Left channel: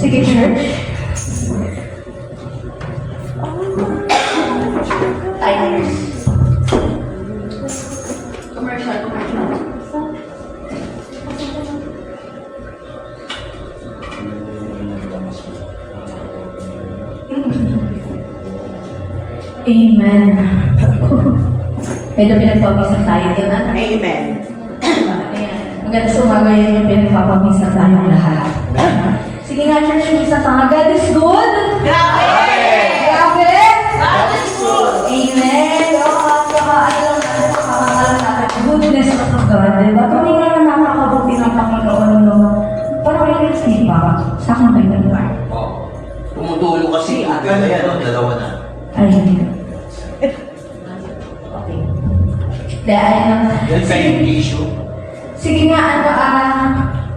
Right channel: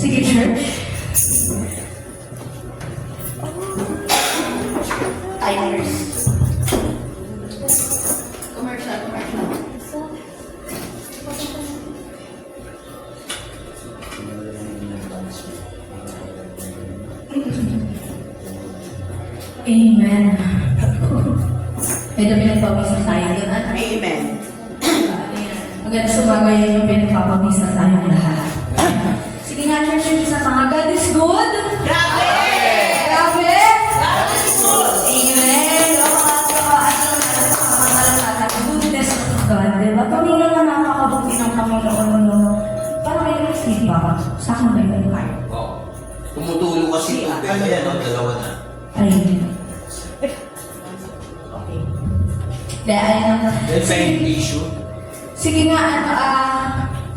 Sige, church. Timers. Commercial. Amen. Medyo pinagpapisa tayo doon. Amen. Maganda sumaga yun yung pinagpapamisa tayong lahat. Sige nga, church, yung isa pa nga. God is good. Grabe! Grabe! God is good! Amen. Goodness of God. Diba? Kami naman nakakabuti ng Panginoon. Parang may Christy pa. Sa akin kayo nag-bar. Oo. Tumutulo kasi ito. Pero yan, dalawa na. Ay. Okay. Dahil Yan sa yung issue. sige nga,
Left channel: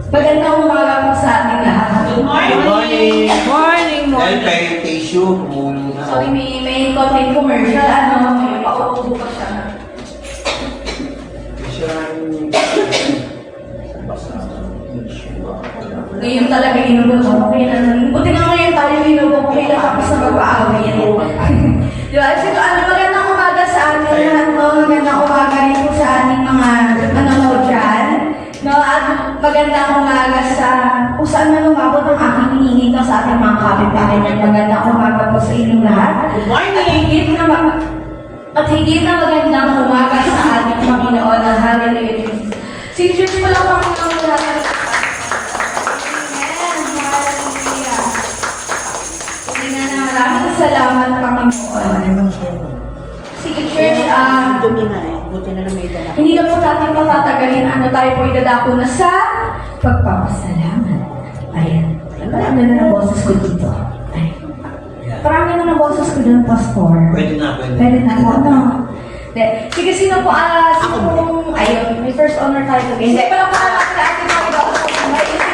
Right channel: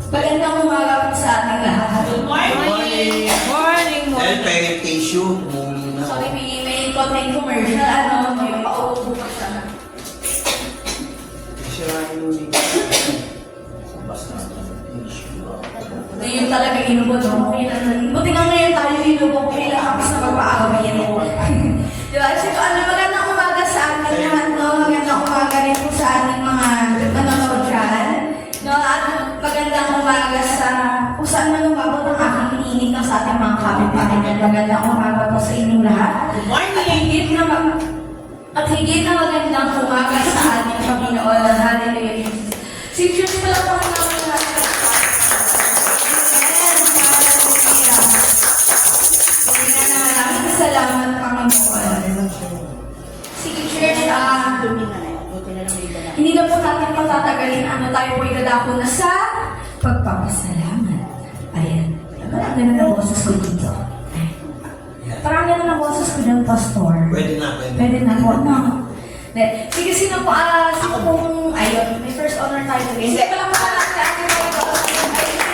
magandang umaga po sa ating lahat. Good morning! Morning! Yan pa yung issue. Tumulo na. Sorry, may konting commercial. May paupo pa siya. Ngayon talaga inugot mo. Buti nga ngayon tayo inugot mo. Kaya tapos na magpa-away. Diba? So, magandang umaga sa ating lahat. Magandang umaga rin po sa ating mga manonood dyan. At magandang umaga sa kung saan man umabot ang aking hinihingi sa ating mga kapitbahay. Magandang umaga po sa inyong lahat. Good morning! At higit na magandang umaga sa ating Panginoon at Hallelujah. Si Diyos mo lang Panginoon lahat. Maraming salamat, Panginoon. Sige, church, Buti na may dala. hindi na po natin patatagalin. Tayo po idadako na sa pagpapasalamat. Ayan. Parang gano'n ang boses ko dito. Ay. Parang gano'n ang boses ko dito, Pastor. Pwede na, pwede. Pwede na po, no? Sige, sino po, ayun, may first honor tayo. Hindi pala pa natin sa ating mga iba.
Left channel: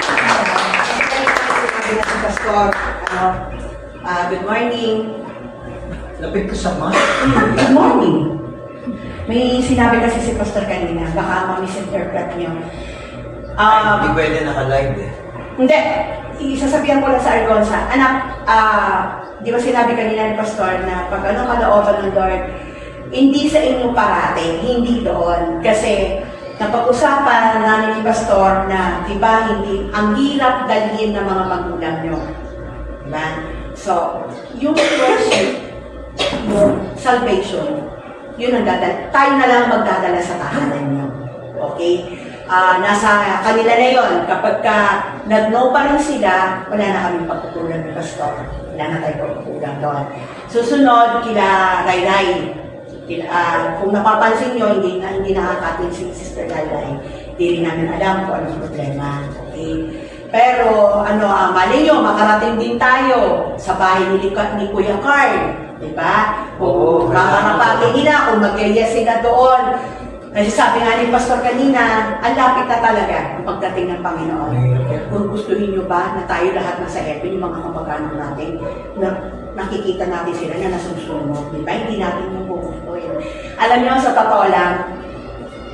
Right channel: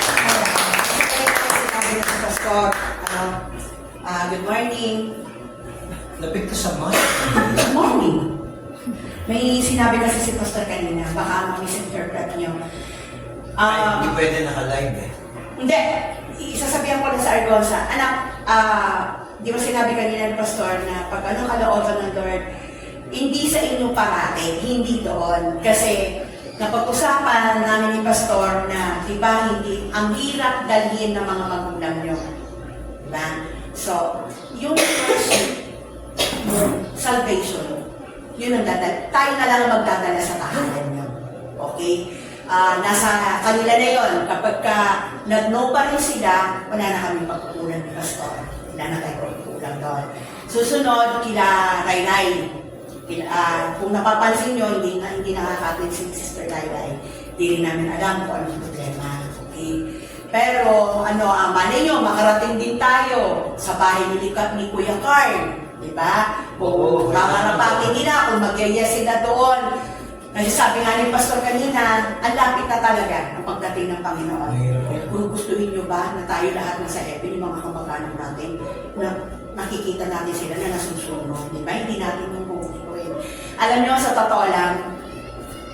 Pastor, good morning. Lapit ka sa ma. Good morning. May sinabi kasi si Pastor kanina, baka ma-misinterpret niyo. Hindi pwede naka-live eh. Hindi. Isasabihan ko lang sa Argonza. Anak, di ba sinabi kanina ni Pastor na pag anong kalooban ng Lord, hindi sa inyo parate, hindi doon. Kasi napag-usapan namin ni Pastor na, di ba, hindi, ang hirap dalhin ng mga magulang nyo. Diba? So, yung question, yung salvation, yun ang tayo na lang magdadala sa tahanan nyo. Okay? Nasa kanila na yon. Kapag nag-no pa rin sila, wala na kaming pagkukulang ni Pastor. Wala na tayong pagkukulang doon. Susunod, kila Ray. Kung napapansin nyo, hindi nakakatin si Sister Ray. Hindi rin namin alam kung anong problema. Okay? Pero, mali nyo, makarating din tayo sa bahay ni Kuya Carl. Diba? Kung mamarapatin nila, kung mag-yes sila doon. Kasi sabi nga ni Pastor kanina, ang lapit na talaga ang pagdating ng Panginoon. Kung gustuhin nyo ba na tayo lahat nasa heaven, yung mga kamag-anak natin, na nakikita natin sila na nasusunod. Diba? Hindi natin yung gugustuhin. Alam nyo, sa totoo lang,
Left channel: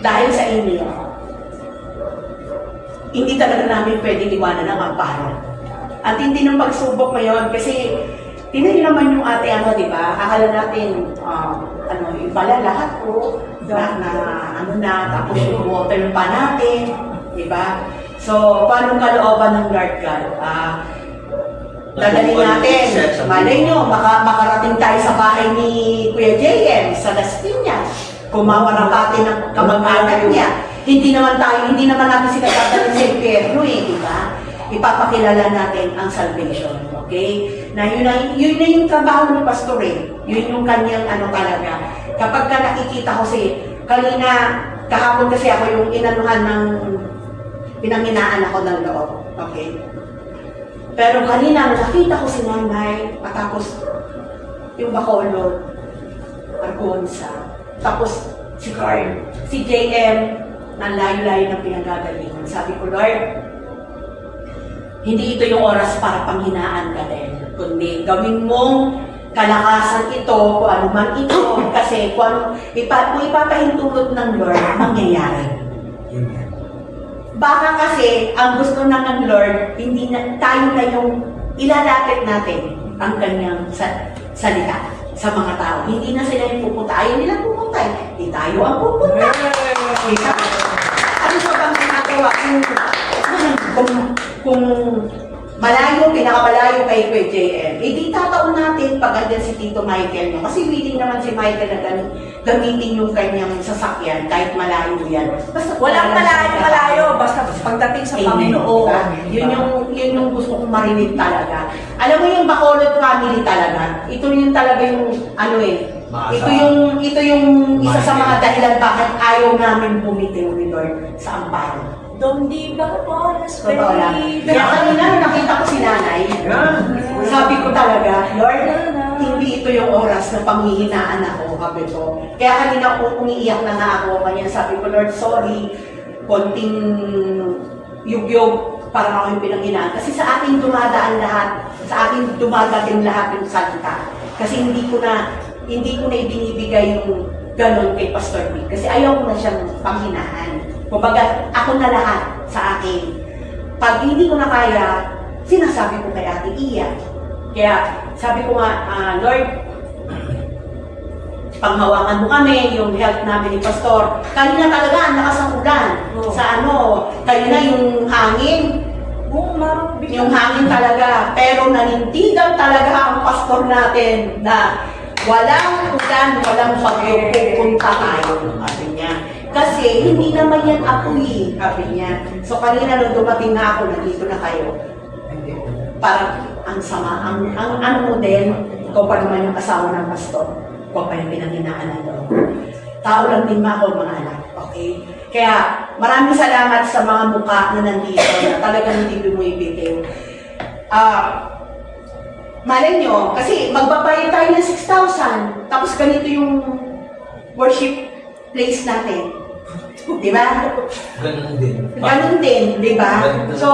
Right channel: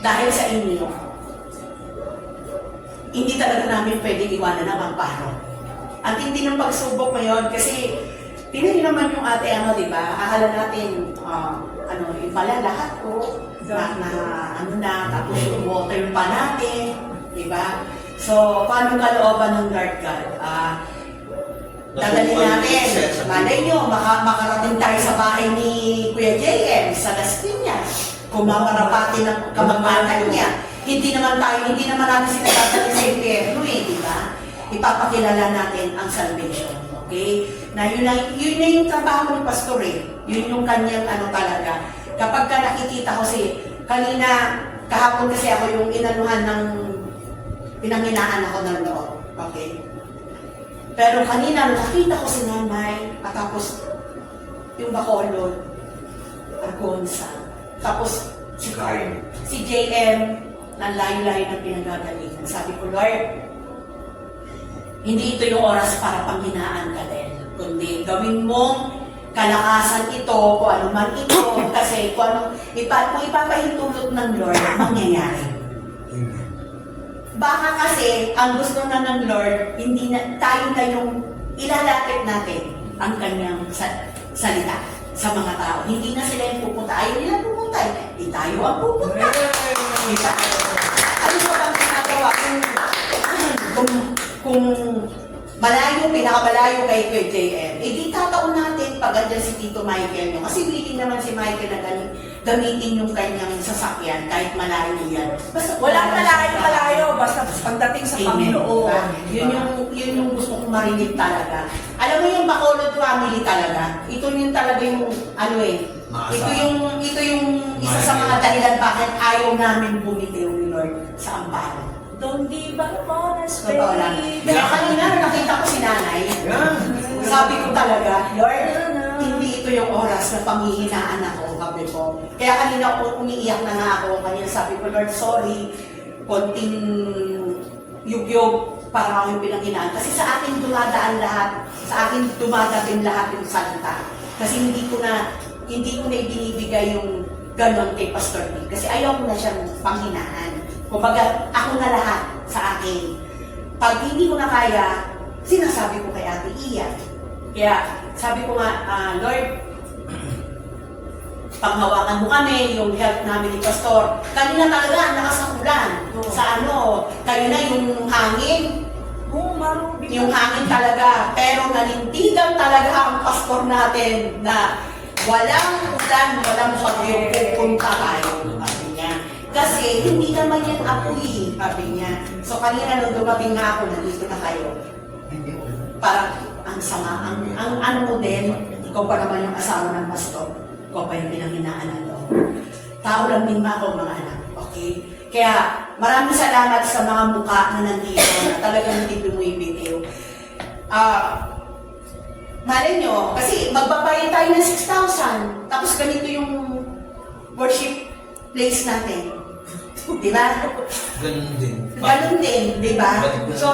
dahil sa inyo, hindi talaga namin pwedeng iwanan ang amparo. At hindi ng pagsubok ngayon kasi tingnan nyo naman yung ate di ba? Akala natin, ibala lahat po, tapos yung water pa natin, di ba? So, paano kalooban ng Lord God? Dadalhin natin, malay nyo, makarating tayo sa bahay ni Kuya JM sa Las Piñas. Kung mamarapatin ng kamag-anak niya, hindi naman natin sila dadalhin sa impyerno di ba? Ipapakilala natin ang salvation, okay? Na yun na yung trabaho ng pastor Yun yung kanyang talaga. Kapag ka nakikita ko kahapon kasi ako yung inanuhan ng pinanghinaan ako ng loob. Okay? Pero kanina nakita ko si Nanay, tapos yung Bacolod, Argonza, tapos si Carl, si JM, ng layo-layo ng pinagagalingan. Sabi ko, Lord, hindi ito yung oras para panghinaan ka din, kundi gawin mong kalakasan ito, kung ano man ito, kasi kung ipapahintulot ng Lord, mangyayari. Baka kasi, ang gusto na ng Lord, hindi na, tayo na yung ilalapit natin ang kanyang salita sa mga tao. Hindi na sila yung pupunta. Ayaw nila pupunta. Hindi tayo ang pupunta. Diba? Ano ba bang ginagawa? Kung malayo, pinakamalayo kay JM, di tataon natin pag andyan si Tito Michael nyo. Kasi willing naman si Michael na gamitin yung kanyang sasakyan kahit malayo yan. Basta Walang malayo, basta pagdating sa Panginoon. Yun yung gusto kong marinig talaga. Alam mo yung Bacolod family talaga, ito yung talaga yung ano ito yung isa sa mga dahilan bakit ayaw namin bumitiw ni Lord sa amparo. Donde vamos, Totoo lang. baby. Kaya kanina nakita ko si nanay, sabi ko talaga, Lord, hindi ito yung oras na panghihinaan ako, sabi ko. Kaya kanina umiiyak na nga ako, kanya sabi ko, Lord, sorry, konting yugyog para ako yung pinanghinaan. Kasi sa akin dumadaan lahat, sa akin dumadating lahat yung salita. Kasi hindi ko na ibinibigay yung ganon kay Pastor Vic. Kasi ayaw ko na siyang panghinaan. Kumbaga, ako na lahat sa akin. Pag hindi ko na kaya, sinasabi ko kay Ate Iya. Kaya sabi ko nga, Lord, panghawakan mo kami, yung health namin ni Pastor. Kanina talaga, ang lakas ng ulan. Sa kanina yung hangin. Yung hangin talaga. Pero nanindigan talaga ang pastor natin na walang ulan, walang bagyo, pupunta tayo. Sabi niya. Kasi hindi naman yan apoy, sabi niya. So kanina nung dumating na ako, nandito na kayo. Parang ang sama, ang ano mo din, ikaw pa naman yung asawa ng pastor. Ikaw pa yung pinanghinaan na doon. Tao lang din ako, mga anak. Okay? Kaya maraming salamat sa mga mukha na nandito na talagang hindi bumibitiw. Malay nyo, kasi magbabayad tayo ng 6,000, tapos ganito yung worship place natin. Diba? Ganun din. Ganun din, diba? So,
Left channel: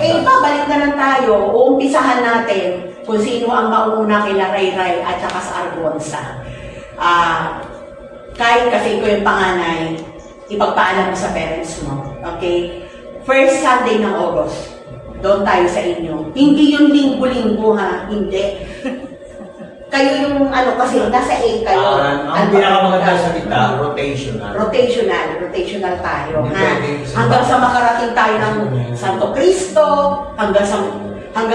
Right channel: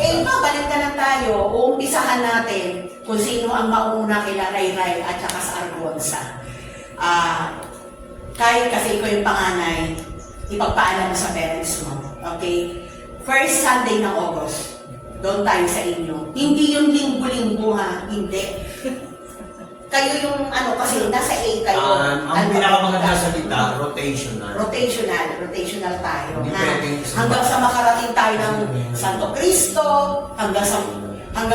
babalik na lang tayo, uumpisahan natin kung sino ang mauna kila Ray at saka sa Argonza. Kahit kasi ko yung panganay, ipagpaalam mo sa parents mo. Okay? First Sunday ng August, doon tayo sa inyo. Hindi yung linggo-linggo ha, hindi. Kayo yung kasi nasa A kayo. Ang pinakamagandang salita, rotational. Rotational tayo. Hindi Ha? pwedeng Hanggang sa makarating tayo ng Santo Cristo, hanggang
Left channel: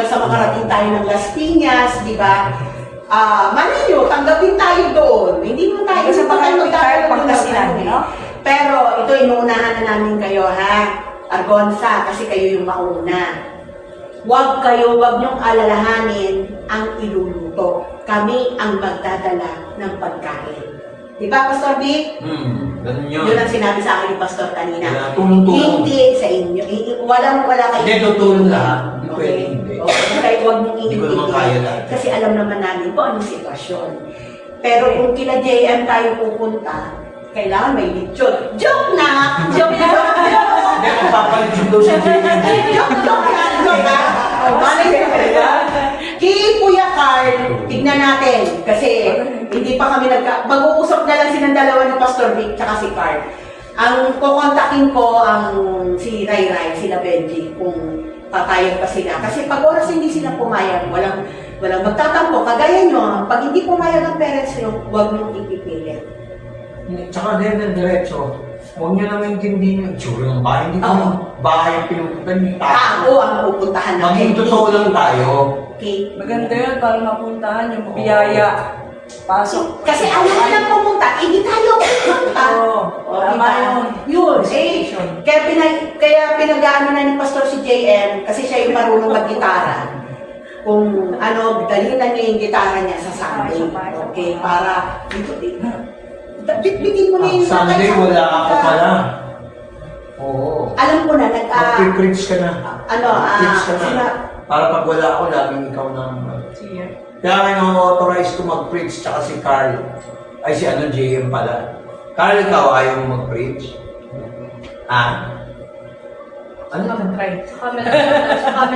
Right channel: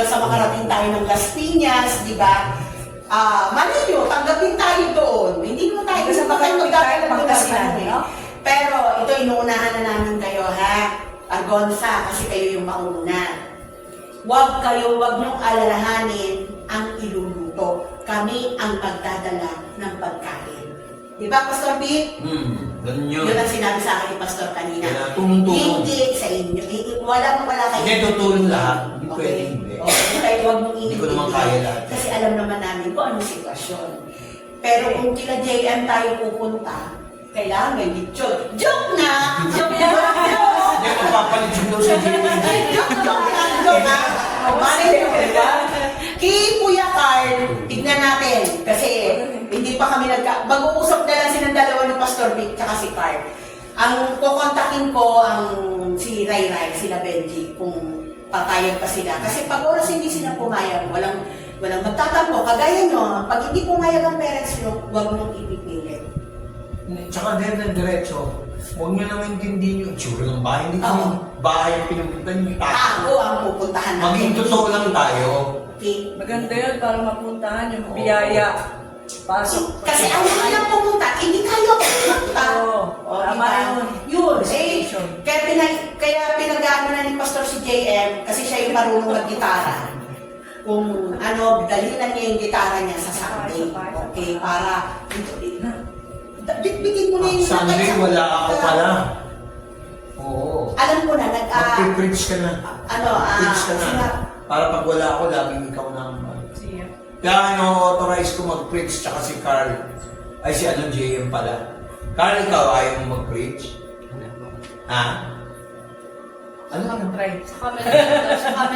sa makarating tayo ng Las Piñas, di ba? Mali nyo, tanggapin tayo doon. Hindi mo tayo Kasi magkakaroon ng pagkasinan, sinabi. no? Pero ito, inuunahan na namin kayo, ha? Argonza, kasi kayo yung mauna. Huwag niyong alalahanin ang iluluto. Kami ang magdadala ng pagkain. Di ba, Pastor Vic? Ganun yun. Yun ang sinabi sa akin ni Pastor kanina. Tumutulong. Hindi sa inyo. Wala kayo. Hindi, tutulong lahat. Hindi pwede hindi. Okay, huwag mong Hindi ko naman kaya lahat. kasi alam naman namin kung anong sitwasyon. Pero kung kila JM tayo pupunta, kailangan may lechon. Joke na! Joke na! Hindi, magpapalit daw si JM. Joke na! Kay Kuya Carl, tignan natin. Kasi hindi pa kami mag-uusap na lang silang dalawa ni Pastor Vic tsaka si Carl. Ang kukontakin ko ang si Ray, sila Benji, kung papayag pa sila. Kasi pag oras hindi sila pumayag, walang magtatampo. Kagaya nyo, pag hindi pumayag ang parents nyo, huwag mong ipipilit. Tsaka diretso. Huwag nyo naman intindihin yung tsura ng bahay. Hindi ko yung bahay pinupuntan yung Tao ang pupuntahan natin. Maging totoo lang tayo. Okay? Maganda yun para mapuntahan yung biyaya. Pasok. Kasi ayaw na lang pumunta, hindi tayo pumunta. Tama yun. Kaya pinag-aano na ni Pastor si JM, kasi siya yung marunong mag-gitara. Kung dalhin na niya yung gitara niya sa Sunday. Okay, para bitbitin mo na yung Sunday, wala ako pala. Oo. Alam ko na, Mag-preach ka na. Preach ka na. sina- Para pag wala ako, laging ikaw na. Sige. Kaya authorize ko mag-preach, tsaka si Carl. Ay, si JM pala. Carl, ikaw ayaw mo mag-preach? Ano lang? Try. Sa camera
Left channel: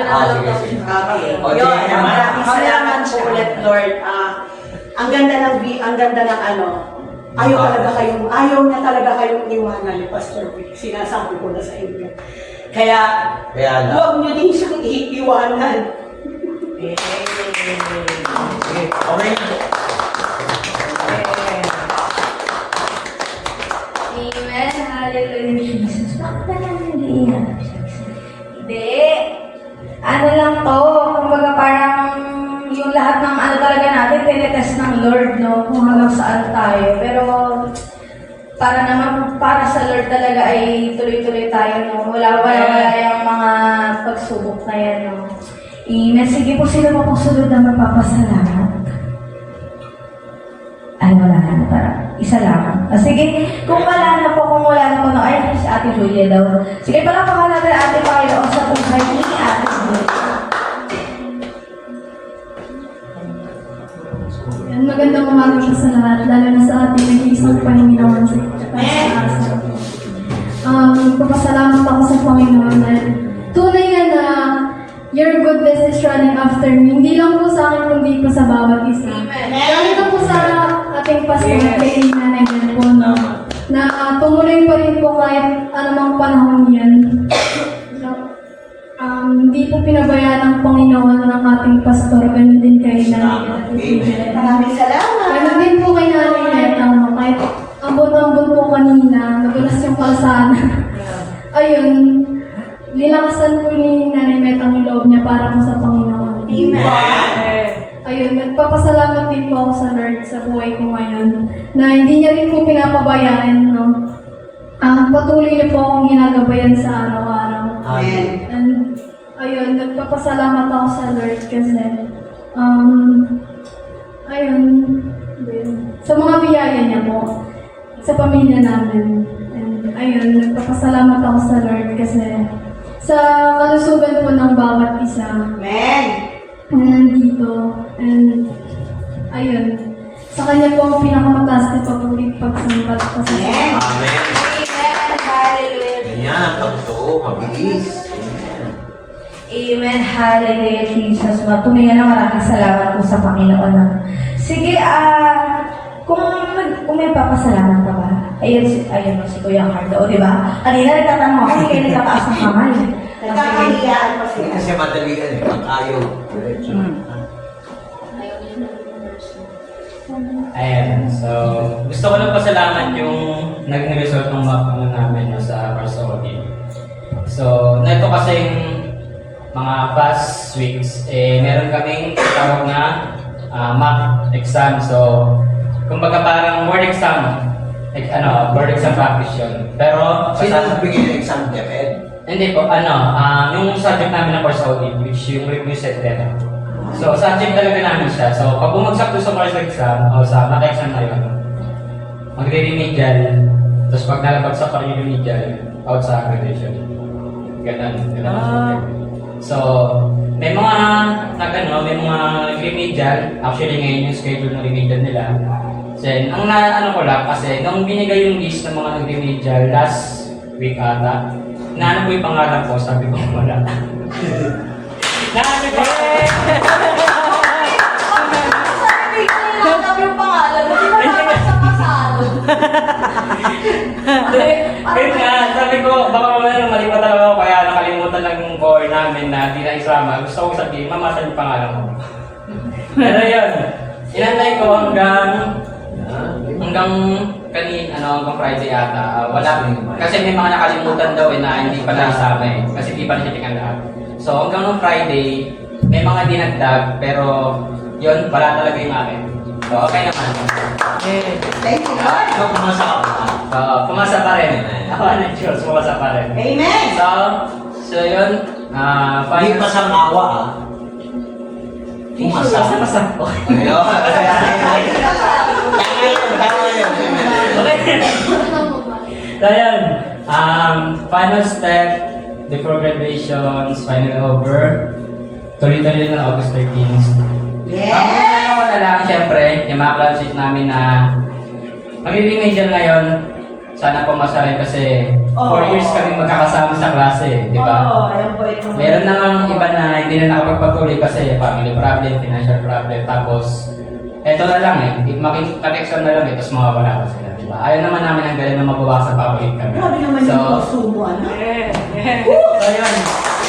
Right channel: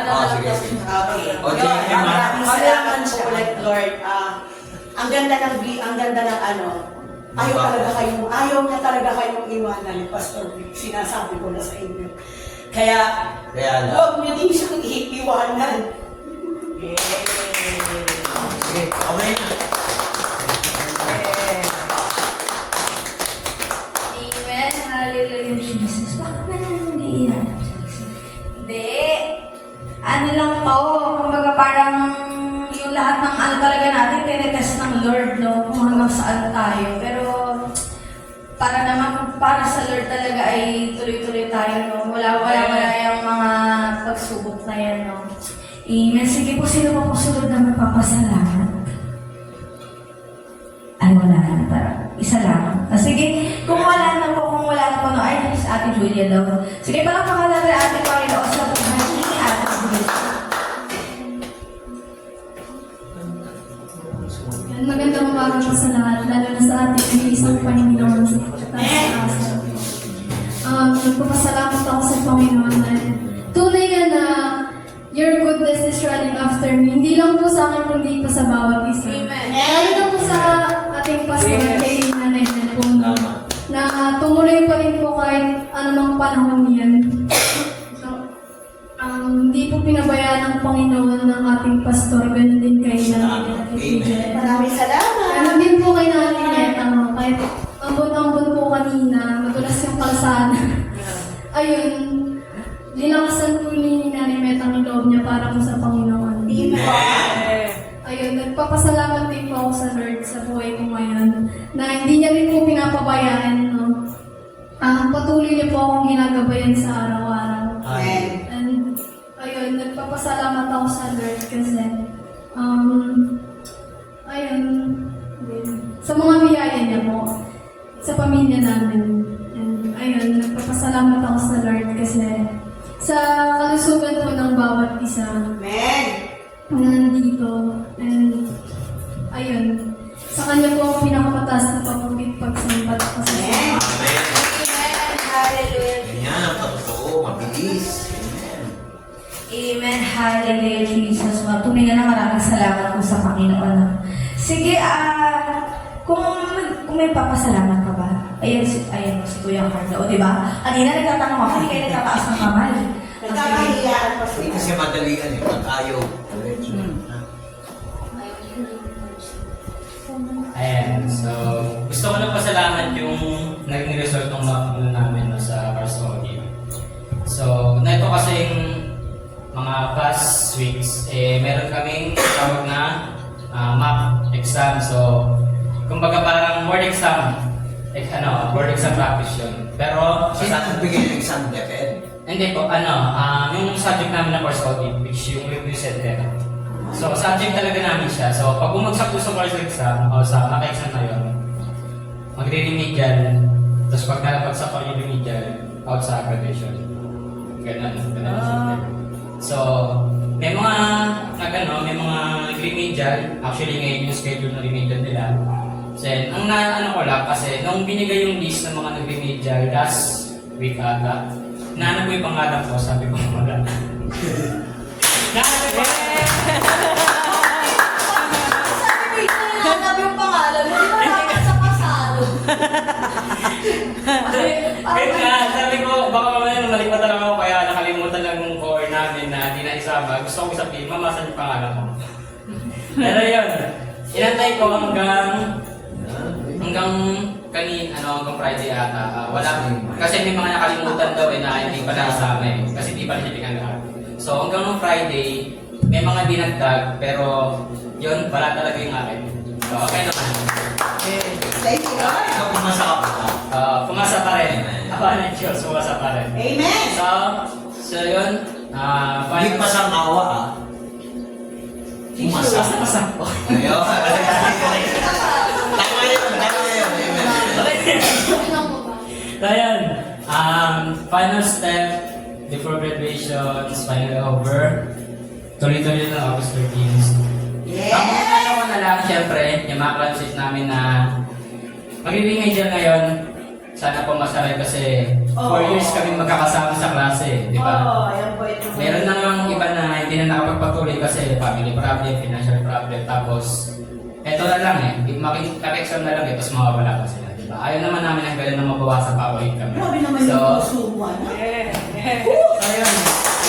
na lang daw. Sige. Okay. O, Yun, JM, maraming salamat Ang po ulit, Lord. Ang ganda ng ayaw na talaga kayong iwanan ni Pastor Vic. Sinasabi ko na sa inyo. Kaya Kaya lang. huwag nyo din siyang iiwanan. Sige, okay na. Amen. Hallelujah, Jesus. Bakit ba naman hindi iyan? Hindi. Ano lang to, kumbaga parang yung lahat ng ano talaga natin, tinetest ng Lord, no? Kung hanggang saan tayo. Pero para naman, para sa Lord talaga ay tuloy-tuloy tayo, no? Wala yung mga pagsubok na yan, no? Amen. Sige po, sino po sunod na magpapasalamat? Ay, wala na. Tara, isa lang. Sige, kung wala na po, no, ay, si Ate Julia daw. Sige, palakpakan natin Ate Panginoon sa buhay ni Ate Julia. Yan, magandang umaga po sa lahat, lalo na sa ating nag-iisang Panginoon sa itaas. Papasalamat ako sa Panginoon dahil tunay nga na your goodness is running after me. Hindi lang po sa akin, kundi po sa bawat isa. Lalo na po sa ating pastor, kay Nanay Bel po, na tumuloy pa rin po kahit anumang panahon yan. So, hindi po pinabayaan ng Panginoon ng ating pastor, ganun din kay Nanay Bel. Maraming salamat. Ganun din po kay Nanay Bel, kahit ambon-ambon po kanina, nagulas yung kalsada. Ayun, linakasan po ni Nanay Bel ang loob niya para po sa Panginoon. Amen. Ayun, nagpapasalamat din po ako sa Lord sa buhay ko ngayon na hindi niya rin po pinapabayaan, no? Patuloy niya po akong ginagabayan sa araw-araw. Amen. And ayun, nagpapasalamat ako sa Lord kasi ayun, din, sa mga biyaya niya po, sa pamilya namin. And ayun, nagpapasalamat ako sa Lord kasi sa kalusugan po ng bawat isa Amen. na nandito. And ayun, sa kanya po ang pinakamataas na papulit pagsambat kasi Amen. Amen. Amen. Hallelujah. Ganyan ang pagtoo, mabilis. Amen. Hallelujah, Jesus. Tunay nga na maraming salamat po sa Panginoon. Sige, kung may papasalamat ka ba? Ayan mo si Kuya Carlo, di ba? Kanina nagtatanong ako, hindi kayo nagtataas ng kamay. Nagkakahiyaan pa sila. Kasi madali yan eh, pag ayaw. Diretso. Ayan, so gusto ko lang pasalamat yung naging result ng mock namin no, sa Parsogi. So, neto kasi yung mga past weeks, meron kaming tawag na mock exam. So, kumbaga parang board exam. Board exam practice yun. Pero, Sino nagbigay ng exam, DepEd? hindi po, yung subject namin na Parsogi, which yung review set dito. So, subject talaga namin siya. So, pag bumagsak ko sa course exam, o sa mock exam na yun, magre-remedial, tapos pag nalabagsak pa rin yung remedial, out sa graduation. Ganun ang subject. So, may mga may mga remedial, actually ngayon yung schedule ng remedial nila. So, ang ko lang kasi, nung binigay yung list ng mga nag-remedial last week ata, naano ko yung pangalan ko, sabi ko wala. Naano ko Sabi ko, nanap yung pangalan, hindi mo naman sa pasado. Kaya nga, sabi ko, baka mali pa talaga ako kaya nakalimutan lang yung core namin na di na isama. Gusto ko sabihin, mamasan yung pangalan ko. Pero yun, inantay ko hanggang hanggang Friday ata. Wala. Kasi may mga nakalimutan daw na hindi pa naisama eh. Kasi di pa nasitingan lahat. So hanggang nung Friday, may mga dinagdag, pero yun, wala talaga yung akin. So okay naman. Thank you, Lord. Ikaw pumasa ka pa. Pumasa pa rin. Ako na Diyos, pumasa pa rin. Amen. So yun, Hindi pa sa awa ah. Pumasa. Pumasa ko. Ayun. Tama yun. So yun, final step before graduations, final over. Tuloy-tuloy na August 13. Ang Yes. ko na lang, syempre, yung mga classes namin na magiging major ngayon, sana po masarin kasi 4 years kami magkakasama sa klase, di ba? Oo, alam ko ito. Meron na nga iba na hindi na nakapagpatuloy kasi family problem, financial problem, tapos eto na lang mag-exam na lang tapos mawawala pa sila, di ba? Ayaw naman namin ang galing na mabawasan public kami. Grabe naman yung puso mo, ano? So yun,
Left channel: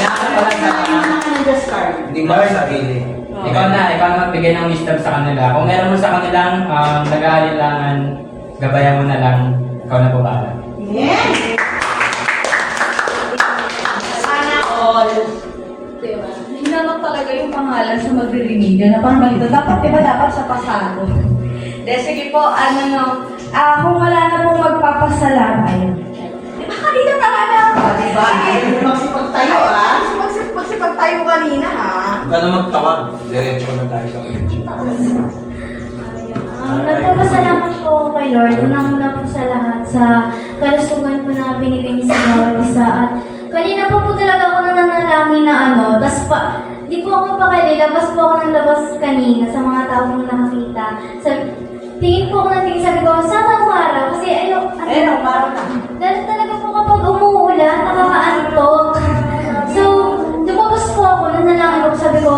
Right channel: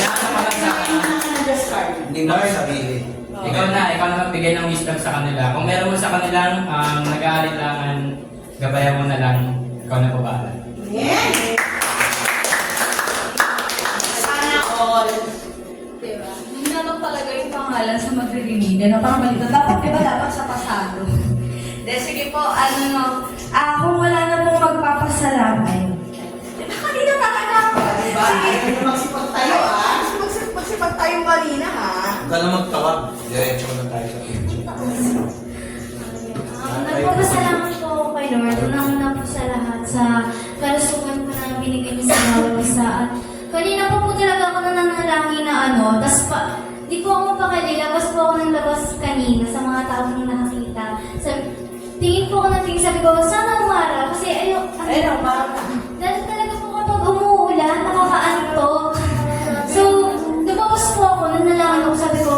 inaasa ko lang sa Ano the start? Hindi mo sarili. Ikaw na magbigay ng wisdom sa kanila. Kung meron mo sa kanilang nag-aalinlangan, gabayan mo na lang, ikaw na babahala. Yeah! Sana all. Diba? Hinanap talaga yung pangalan sa magre-remedial na parang malito. Dapat, diba, dapat sa pasado. De, sige po, kung wala na pong magpapasalamat, diba kanina talaga? Diba? Ayaw mo magsipag tayo, ha? Magsipag tayo kanina, ha? Huwag ka na magtawag. Diretso na tayo sa picture. Nagpapasalamat po ako kay Lord. Unang-una po sa lahat sa kalusugan po na binigay niyo sa bawat isa. At kanina po talaga ako nananalangin na di po ako mapakali. Labas po ako ng labas kanina sa mga taong nakakita. Tingin po ako ng tingin, sabi ko, sana umaraw. Kasi Umaraw na. dahil talaga po kapag umuulan, nakakaantok. So, lumabas po ako, nananalangin ako, sabi ko,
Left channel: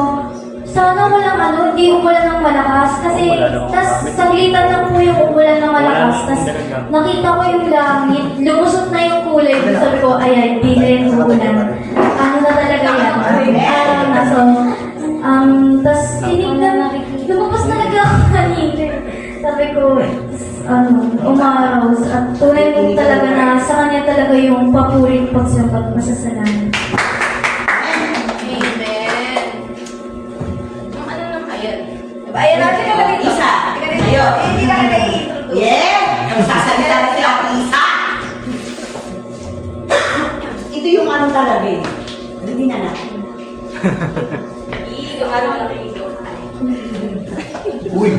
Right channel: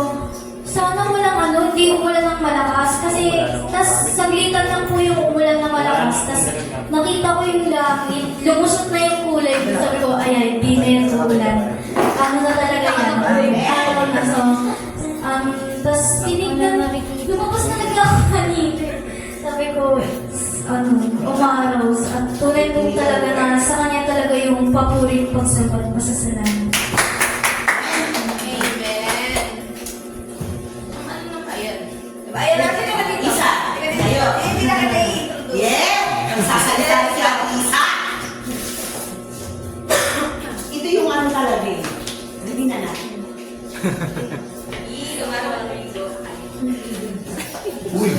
sana walang hindi umulan ng malakas. Kasi, tas saglitan lang po yung umulan ng malakas. Tas, nakita ko yung langit, lumusot na yung kulay. Sabi ko, ay, hindi na yung uulan. Ano na talaga yan? Araw na. So, tas tinignan, lumabas talaga ako kanina. Sabi ko, umaraw. At tunay po talaga na sa kanya talaga yung papurit pagsapat pasasalamat. Amen. Ano naman ayun? Diba? Ayun natin na lang ito. Isa. Ayun. Hindi na kayo i-introduce. Yeah! Ang sasalita na sila ang isa! Ito yung ano talaga eh. Hindi na natin. Ano na kayo? Uy!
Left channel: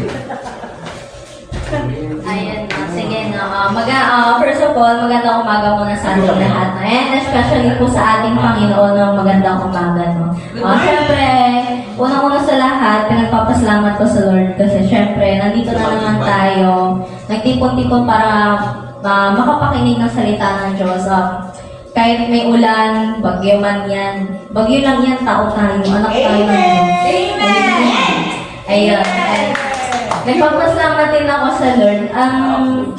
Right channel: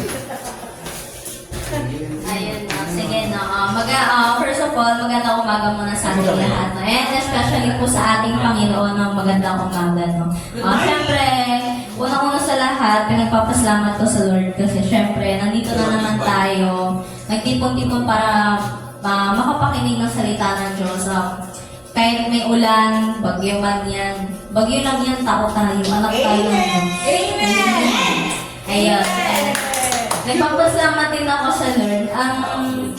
Ayan na, sige na. First of all, magandang umaga muna sa ating lahat. And especially po sa ating Panginoon ng magandang umaga. No? Siyempre, unang-una sa lahat, pinagpapasalamat ko sa Lord kasi siyempre, nandito na naman tayo. Nagtipon-tipon para makapakinig ng salita ng Diyos. Kahit may ulan, bagyo man yan. Bagyo lang yan, tao tayo, anak tayo ng Diyos. Amen! Ayun. Nagpapasalamat din ako sa Lord.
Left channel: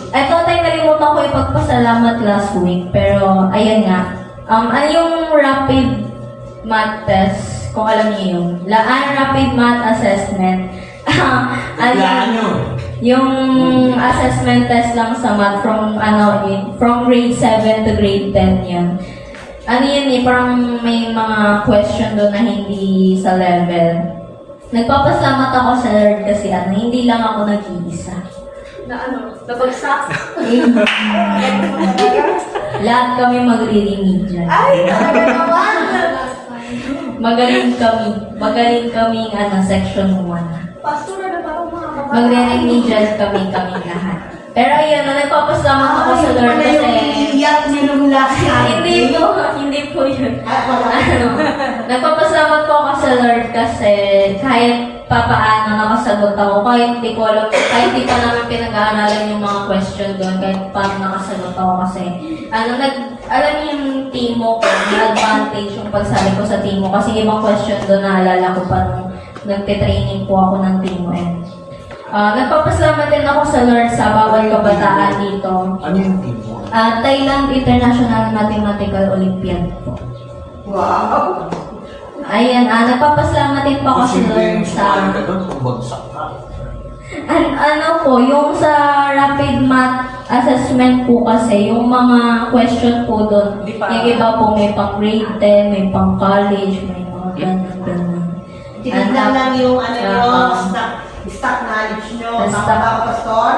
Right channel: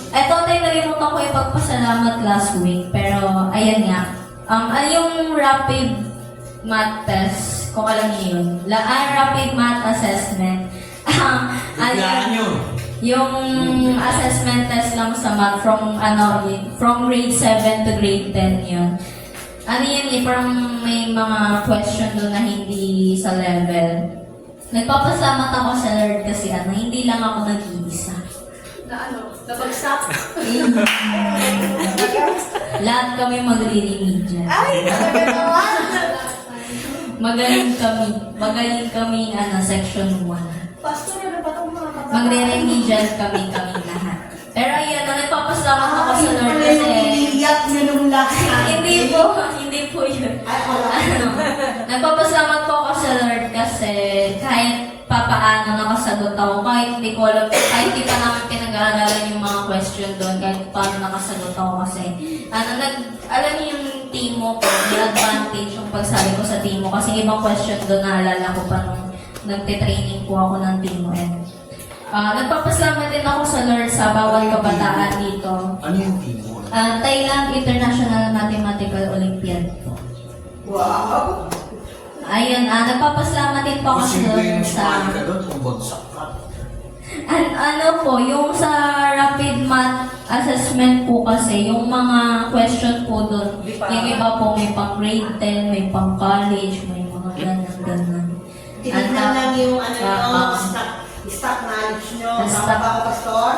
Ito tayo nalimutan ko ipagpasalamat last week. Pero, ayan nga. Ano yung rapid math test? Kung alam niyo yun. Rapid math assessment. Kailangan yun. Yung assessment test lang sa math from grade 7 to grade 10 yun. Ano yun eh, parang may mga question doon na hindi sa level. Nagpapasalamat ako sa Lord kasi hindi lang ako nag-iisa. Nabagsak? Lahat kami magre-remedial. Ay, talaga naman! Magaling kami section 1. Pastor, ano pa itong mga babae? Magre-remedial kami lahat. Pero ayan, nagpapasalamat ako sa Lord kasi... Iyak niya nung last time. Hindi po yun. Nagpapasalamat po ako sa Lord kasi kahit papaano nakasagot ako, kahit di ko alam, kahit di pa namin pinag-aaralan yung mga question doon, kahit paano nakasagot ako kasi, alam niyo yung Timo ko, may advantage yung pagsabi ko sa Timo kasi ibang question doon naalala ko pa nung nagte-training po ako ng Timo. Nagpapasalamat din ako sa Lord sa bawat kabataan dito. Ano yung team mo? Thailand International Mathematical Olympiad po. Wow! Ayan, nagpapasalamat din po ako sa Kasi Lord yung sa... sumali ka doon kung bagsak ka. yung sa rapid math assessment po kasi, yung mga question po doon, yung iba po may pang grade 10, may pang college, may mga ganun. Tinignan lang yung yung stock knowledge nyo. Tama ba ako, Pastor?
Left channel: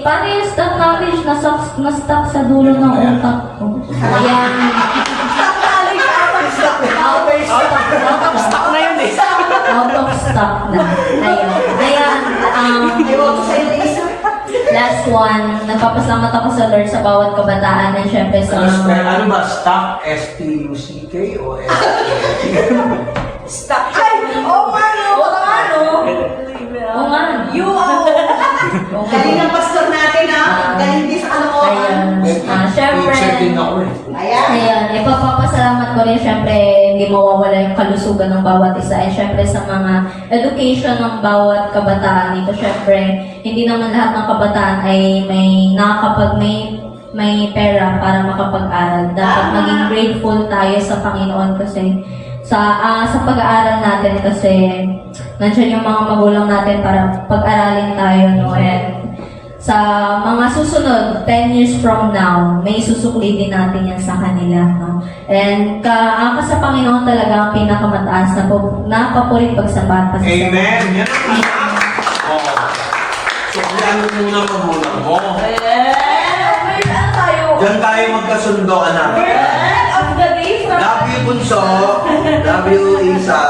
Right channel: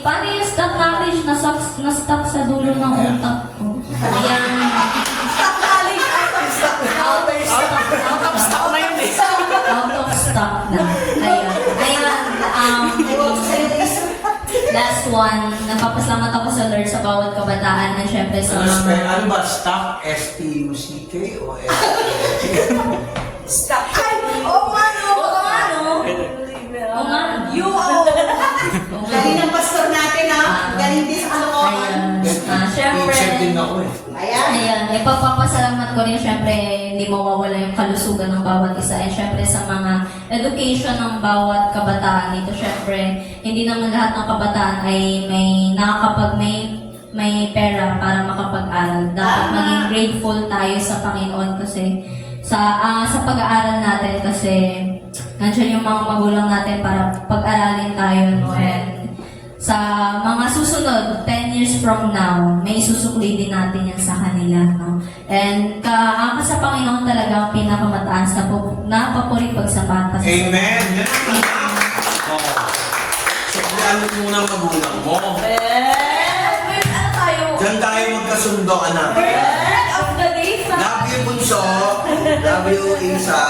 Paano yung stock knowledge na-stuck sa dulo ng utak ko? Ayan. Out of stock na yun eh. Out of stock na. Ayan. Ewan ko sa'yo, Lisa. Last one, nagpapasalamat ako sa Lord sa bawat kabataan at syempre sa Ano ba? Stock? S-T-U-C-K o S-T-U-C-K? Stop! Ay! Oo nga no! Oo nga no! Oo nga. Galing ng pastor natin, ha? Galing din sa kalokohan. Syempre, Teacher din ako eh. Ayan. ipapapasalamat ko rin syempre hindi mawawala yung kalusugan ng bawat isa at syempre sa mga education ng bawat kabataan dito. Syempre, hindi naman lahat ng kabataan ay may pera para makapag-aral. Dapat maging grateful tayo sa Panginoon kasi sa pag-aaral natin kasi nandiyan yung mga magulang natin para pag-aralin tayo, no? And sa mga susunod, 10 years from now, may susuklidin natin yan sa kanila, no? And sa Panginoon talaga ang pinakamataas na papuring pagsapat. Amen! Yan ang anak! Oh. So, kailangan mo muna magulang mo. Wait, ano tayo? Diyan tayo magkasundo, anak. End of the day from Love you, Bunso. Love you, Isa.